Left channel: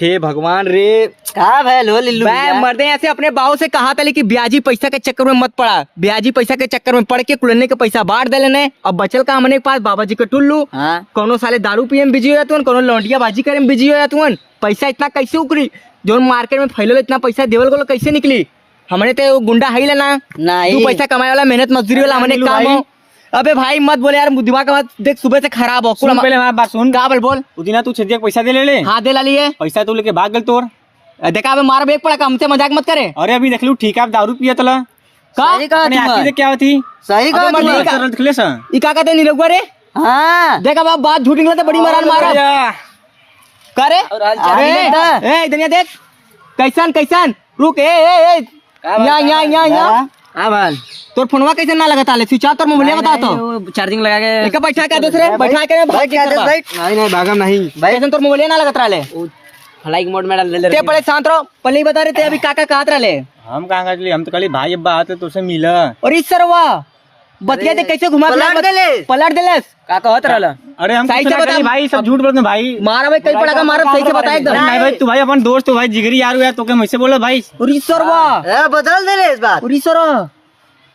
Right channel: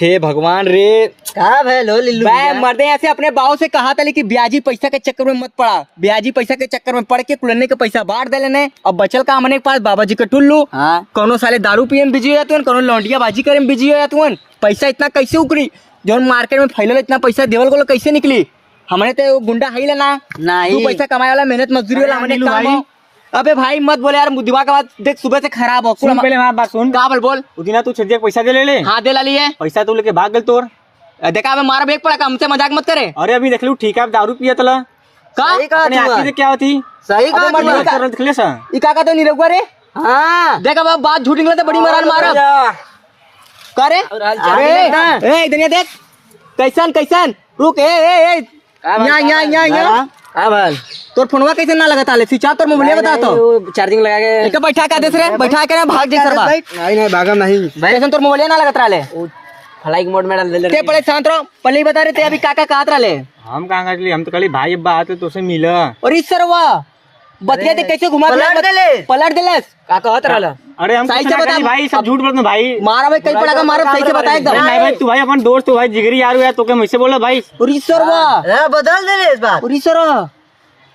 हे भगवान रे, कहाँ भाई लो लिल्लू मैं मर्दे ऐसे अपने बाव से कहा था लेकिन ब्याजी पैसा के चक्कर में मत पड़ा। ब्याजी पैसा के चक्कर में पड़ के कुलन्ने के पैसा बांट दे लेने। अब बचल का हमने के पास बाबा जी का टुल्लू। हाँ कोनो साले दारू पिए में बिजी हो जातुन, कोनो लौंडिया बाजी करे में बिजी हो जातुन। पैसा इतना कैसे उकरी? जो मार्केट में फैलल इतना पैसा देवल को कैसे निकली? हमने तो गुंडा है लेना, नहीं तू पैसा कमाए वाला मेहनत मजदूरी वाला हमने काम हो। अबे भाई मत बोले यार, दिमाग का बात देख सुबह से खराब हो। सुन पहले हमारी बात सुन। का बोल उदिना तू छेदिया पैसा दे ले हाँ दे ला लिए पैसा तू लेके भाग गल तोर। देखा अबे मारा बेग पड़ा का, हमसे मजाक मत करे। अरे अभी देख लू ठीक है, दारू पिया तला सही कहा अपने तू आँखी है। से क्या होती सही कहा अबे तू मत है। नहीं दिखले सा ई का कहते नहीं रघुआ रे। हाँ देख अब बात झूठ निकला तो बड़ी मारान मारा का रे। ए दुनिया देख कैसन कैसन रुक ए यहाँ हाँ भाई तोर फोनवा कैसे ना लगा ताले स्विच ऑफ तोर मोबाइल बता तो चार्जिंग लगा के एक बैठा कर देस रे, बैठा कर भाग के करवा। नहीं भागा नहीं भाई कैसन तोर मोबाइल ना लगत रहले फ्लाइंग मोड में डाल दे ते पहले शांत रहो, पहले ही बता रहे थे अभी काका कहत रहले। हम कहाँ कर लिए, हम तो कल भाई अब्बा आते तो से मिला। और इस सरवा बतिया दे कैसे घुमा पलट देले। पलट देलस का कहत रहला अरे हम सही कुछ से ना बता। करी भाई, सब झूठ बोलते भाई। मारा भाई कई पड़ा का मारा सही से बता एकदम। अरे नहीं भाई, तू भाई अपन दोस्त, तू भाई जिगरी यार हुआ तो क्या मुझसे बोला भाई। और इस सरवा बदल दे रे इस बात। और इस सरवा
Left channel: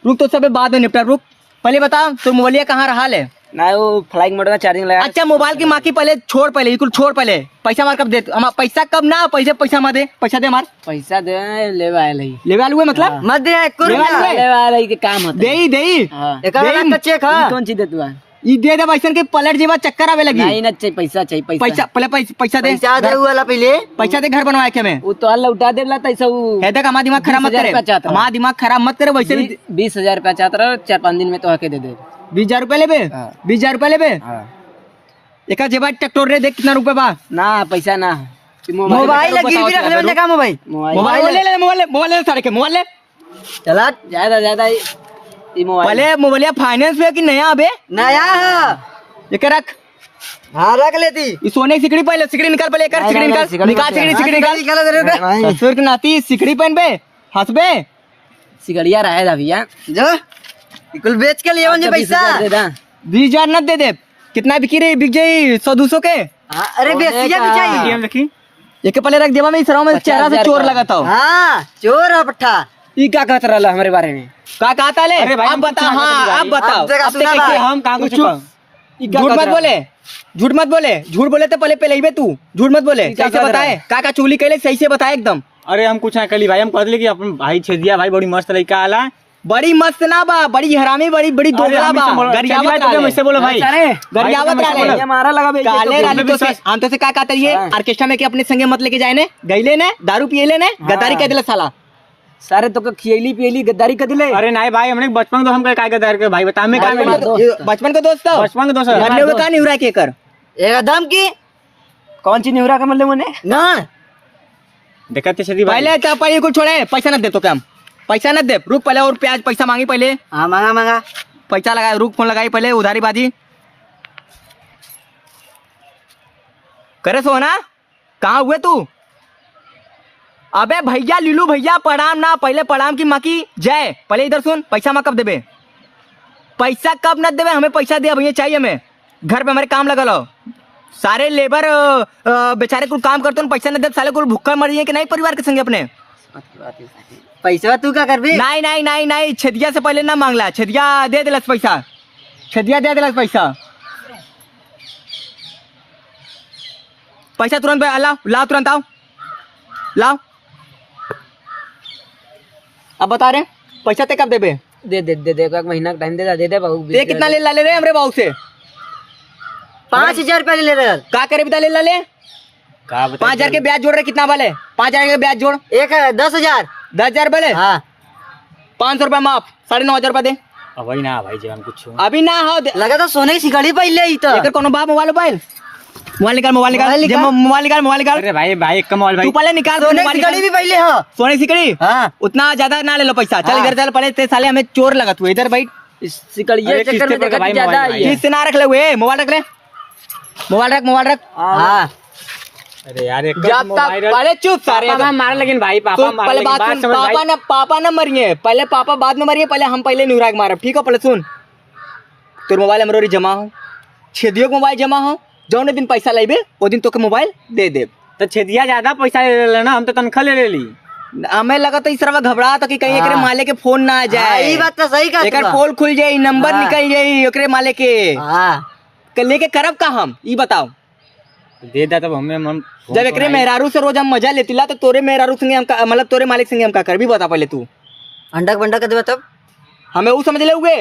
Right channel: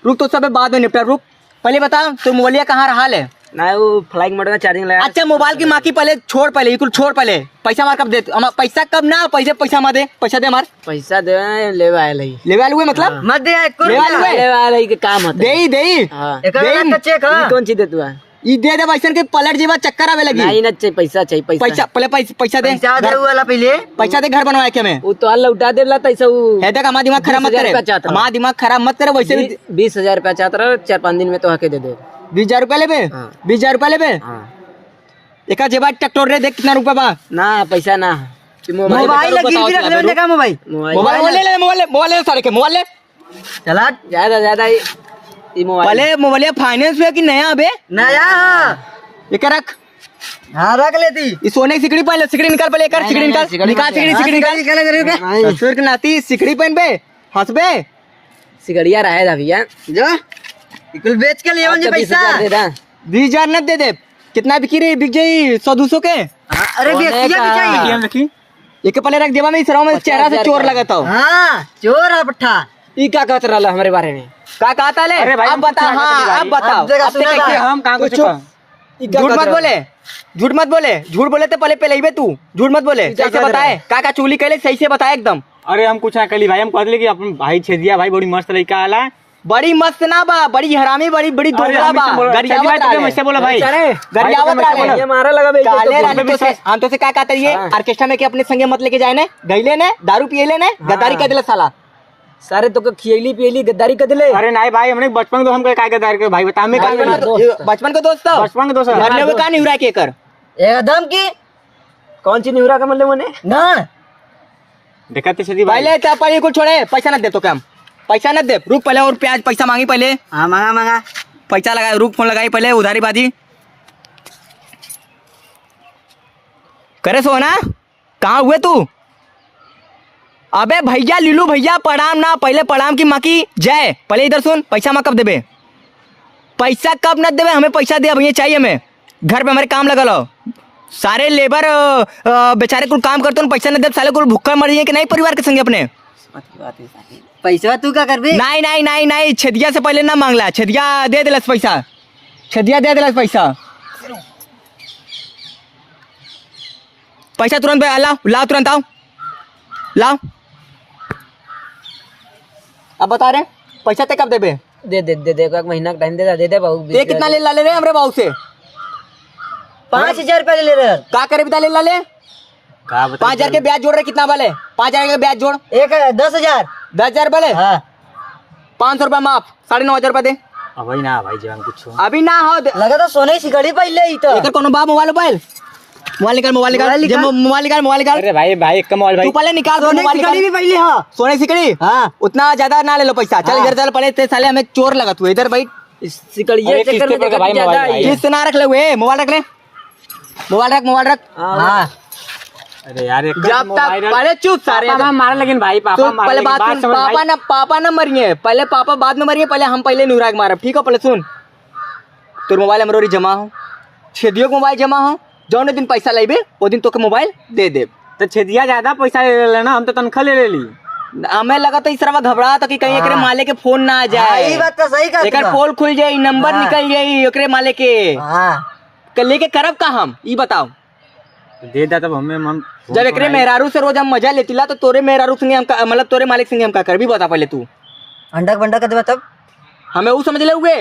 रुक तो सब बाद में निपटा। रुक पहले बता तो मोबाइल कहाँ रहा ले। ना वो फ्लाइंग मोड में चार्जिंग लगा। अच्छा मोबाइल की माँ की पहले छोड़, पहले ये कुल छोड़ पहले। पैसा मार कब दे, पैसा कब ना पैसा मत दे, पैसा दे मार पैसा दे ले आए लई ले वाले हुए मतलब मत दे ले वाले ले आए लई के काम होता दे ही दे ही हां दे का चेक हां कौन चीज दे तू ये दे दे पैसा के पलट जीवा चक्कर आवे लगी। नहीं ना चाहिए पैसा चाहिए पैसा पहले पैसा दे दे वाला पहले पैसा दे घर बनवाए के मैं वो तो अल्लाह उठा देला तैसा वो है तक हमारा दिमाग खराब मत 20,000 रुपया चाहता करे, हूँ। हमारा दिमाग खराब मत करे। वैसे भी 20,000 रुपया चाहता रहा 4-5 दिन में तो आके दे दे 20,000 रुपया लेबे, हाँ। 20,000 रुपया लेबे। हां एक जेबा ट्रैक्टर रे देख कितना रुपया बा। ना पैसा ना मोबाइल लगी भी रख ले जगह मोबाइल मोबाइल मोबाइल ले सारे के मोबाइल ले चला ज्यादा ये मोबाइल पहले मोबाइल फाइनेंस पे कि नया अबे नया एक रख। हां रख लेती ये सोने की सिकड़ी पहले सिकड़ी निकाल, पहले एक सिकड़ी निकाल सिकड़ी निकाल ससुर के नाती सिकड़ी पहन बे हंसबे सिगड़िया रहे था भैया जा कुल बेच के लिए मुझे पैसा दे दा 20,000 न दे दे। कितना बिकी रही, बिक जाई 100-200 के। अरे बेसिया भी चाहिए एटीएम रखी एक पहले रख देवा में सराव में चेहरा से चोर लगाता हूँ। हां चोर आ पट्ठा ई क्या कहत रहला हमारे बारे में का कहता ले अरे भाई, अब बता। हाँ अब बताओ अब सुना कैसे भाई, हम कहाँ कुछ झूठ मत बोले, झूठ मत बोले, झूठ बोले तो पहले पहले ही बे तू झूठ मत बोले। क्या कैसे कर बताए का चुगली कैले सही से बताए एकदम। अरे हम कुछ ना करी भाई, हम कह दिले कि अपन भाई छेदिया भाई बड़ी मस्त लड़का आला। बड़ी मस्त ना बा, बड़ी हरामी, बड़ी बड़ी दोगला बा। गरियावत मुझसे बोलो भाई, गरियावत रहे ये मारा लगा बे काले रानी तो से हम तो से का कहता ये ऑर्केस्ट्रा में के अपने संगे मत लेके जाए ने, गईले ने दारू पिएले ने गद्दारी कह देला साला। सारे तो खियली पियली गद्दारी कर दिले अरे नहीं भाई, हमने बचपन तो हम काय गद्दार के भाई बता हमें काय बचपन का दोस्त था, बचपन के दोस्त घर में का नहीं हुआ के कर एकदम की कौन सी निहुरा का मतलब मने ना देखा ते छेदी भाई। पहले क्या पड़ी कुछ छोड़े, पैसा न दे तो क्या पैसा न दे। रुक पहले और प्याज पैसा मांगी पहले। हाँ मांगा पैसा लगाया, रुक फोन लगाई पहले उधारी बाजी करे। सोना कहाँ हुए तू? अबे भैया लीलू भैया प्रणाम ना, पहले प्रणाम की माँ की जय। पहले इधर सुन, पैसा माँ कब देबे, पैसा कब न देबे, हमें पैसा दे भैया चाहिए हमें। घर पे हमारे काम लगल हो, सारे लेबर बेचारे कुल काम करते हैं, पैसा न दे साले कुल भूखा मर जाए कि नहीं परिवार के संगे अपने। पैसा तू क्या करबे? नहीं नहीं नहीं नहीं, छेदिया से पहले ना मांगला, छेदिया दे दिलस पैसा, छेदिया दे दिलस पैसा। पैसा तुरंत लाओ लाओ, तुरंत आओ लाओ। अब बता रहे पैसा ते कब देबे? दे एक महीना का टाइम दे दे बाबू। ते कितना ले ला ले रे हमरे बाबू से? 5,000 रुपया ले रहे का करे बता ले ला ले? का बता 5,000 के ब्याज जोड़ रहे, कितना वाले 5,000 के ब्याज जोड़, एक 10,000 10,000 वाले। हाँ 500 रुपया माफ, 9,500 रुपया दे। अब भाई ना भाई जीवन कुछ अभी ना हो लगा तो सोने की सिकड़ी पहले ही तो एकर कोनो बा मोबाइल मोबाइल निकाल, मोबाइल निकाल। अरे भाई भाई एक कमाल भाई तू पहले निकाल सोने की मोबाइल सिकड़ी निकाल। भी पहले हाँ सोने की सिकड़ी हाँ उतना ज्यादा ना ले लो पैसा। चल इधर चल, पहले ते साले हमें चोर लगा, तू इधर बैठ। सिकड़िया चक्कर में देखा ज्यादा आई है। किस से ना रख ले हुए, मोबाइल रख ले, मोबाइल रख। हाँ अरे यार एक जब तक पहले चुप सारे पापा मारा लेकिन भाई पापा सुन, पहले बात सुन, पापा ना मरिए पहले, पापा बाद में मरिए, पहले हम पहले नुराग मारब, ठीक है? पहले सुन, तोर मोबाइल हमरो जमा हो, छेदियो के मोबाइल जमा हो, जौन दिन पैसा लेबे वो दिन तोके मोबाइल दे देब, तो छेदिया ज्यादा पैसा ले लेना, हम तो तनख्वाह ले ली। हमें लगा तो इस तरह घबरा था कि कहीं एकरे माले के फोन ना आ जाए। ये बात तो सही कर एकर पोल खुल जाई, नंबर निकल जाई एकरे माले के। हां लेके करब का हम ई बताओ। दे दा तब हमें हम जब एकरे मेहरारू से रोज हम मजा लेतिला तो तोरे मेहरारू संगे हम मतलब तोरे मालिक संगे हम का कर भी बता पहले तू। अंडा बंडा कर देबा तब हमें वो समझ ले हुए।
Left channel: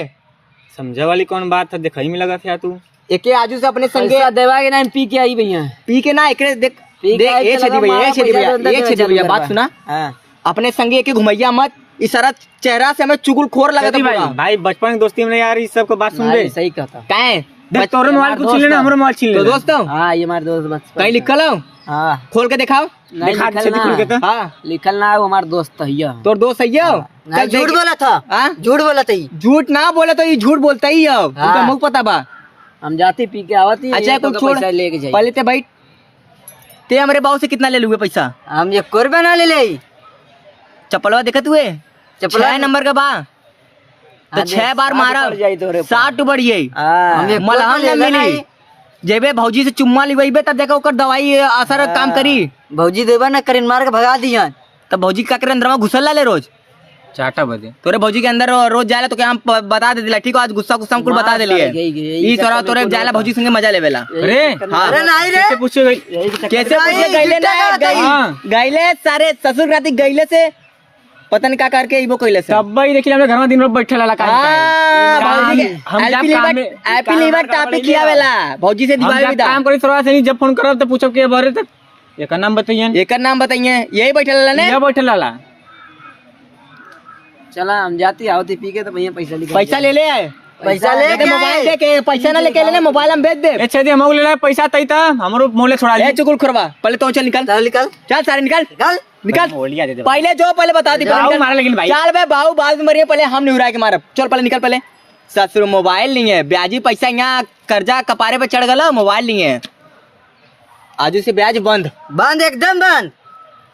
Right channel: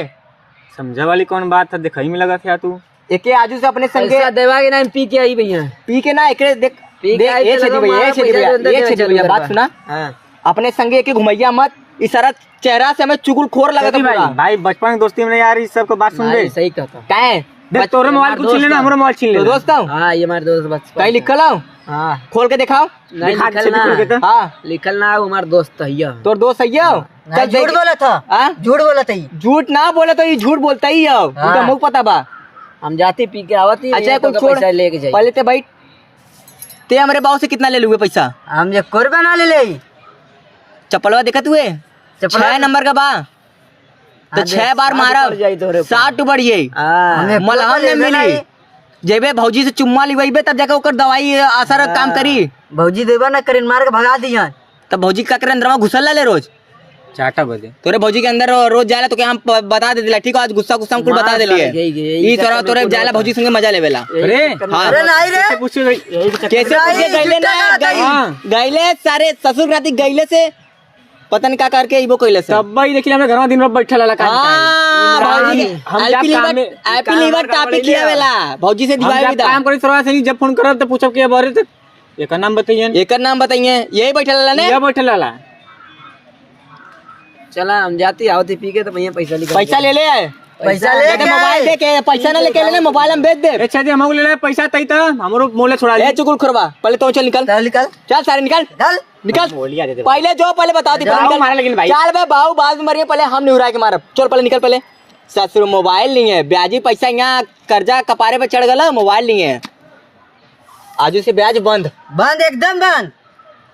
समझा वाली कौन बात था, देखई में लगा था तू। एके आजू से अपने संगे पैसा देवा के नाम पी के आई भैया, पी के ना एकरे देख पी के आई ए तो छेदी लगा भैया, मारा ए छेदी भैया, पैसा ए छेदी भैया, बात सुना। हां अपने संगे के घुमैया मत, इस सारा चेहरा से हमें चुगल खोर लगा था भाई भाई बचपन की दोस्ती में यार, इस सब को बात सुन बे। सही कहता काहे देख तोरे मोबाइल को छीन लेना, हमरो मोबाइल छीन तो लेना। दोस्त हो हां ये हमारे दोस्त बस कहीं लिखल हो, हां खोल के दिखाओ। नहीं दिखा लिखल छेदी खुल के ना, तो। हाँ लिखल ना वो हमारा दोस्त है ये। तोर दोस्त सही हो। नहीं, झूठ बोला था, हाँ? झूठ बोला था ये। झूठ ना बोले तो ये झूठ बोलता ही हो, इनका मुंह पता बा। हम जाते पी के आवती अच्छा कुछ छोड़, पैसा लेके जाई। पहले ते भाई ते हमरे बाबू से कितना ले लुए पैसा? हम ये कोरबा ना ले ले। चप्पलवा देखत हुए चप्पलवा 6 नंबर का बा तो 6 बार मारा 60 बढ़ जाई। मलहम न मिली, जेबे भौजी से चुम्मा लिवाइबे तब जाके ओकर दवाई असर काम करी। भौजी देवा ना करें, मार के भगा दिया। तब भौजी का करे अंदर में घुसल ले रोज 4 बजे तोरे भौजी के अंदर रोज जाएला तो क्या हम बता दे दिला, ठीक है आज गुस्सा गुस्सा हमको बता दे लिए ई तोरा तोरे जाएला भौजी संगे मजा लेवेला। अरे हाँ अरे नहीं रे, कैसे पूछे कैसे पूछे गईले ना गईले सारे ससुर राती गईले से पता नहीं का करके इबो कइले से। तब भाई देखिए हमें घर में दिन भर बैठे ला काम हां भौजी के हैप्पी लीवर टापी खियावेला भौजी से दिवाई विदा काम करी सरवा से जब फोन करब तो पूछब के बारे तक एकर नाम बताइए, एकर नाम बताइए। यही बैठल ने ये बैठे ला चला हम जाती आवती पी के तो भैया पैसा लेके पैसा ले ले, पैसा दे मोबाइल दे के पैसा ना लेके ले मोबाइल हम भेज दे। अच्छा दे हम ले ले पैसा तई त हमरो मोले छोड़ा ले। ए चुगल खरवा पहले तो चल निकल, चल निकल चल सारे निकल निकल निकल बोलिया दे दे पहले जो पहले बता दी, पहले निकल मारा लेकिन भाई चल बे बाऊ बाद में मरिए, पहले हम निहुरा के मारब। चल पहले निकल, पहले ससुर मोबाइल नहीं है, ब्याजी पैसा यहाँ कर्जा कपारे पे चढ़ गलो, मोबाइल नहीं है, आजू से ब्याज बंद बंद एकदम बंद।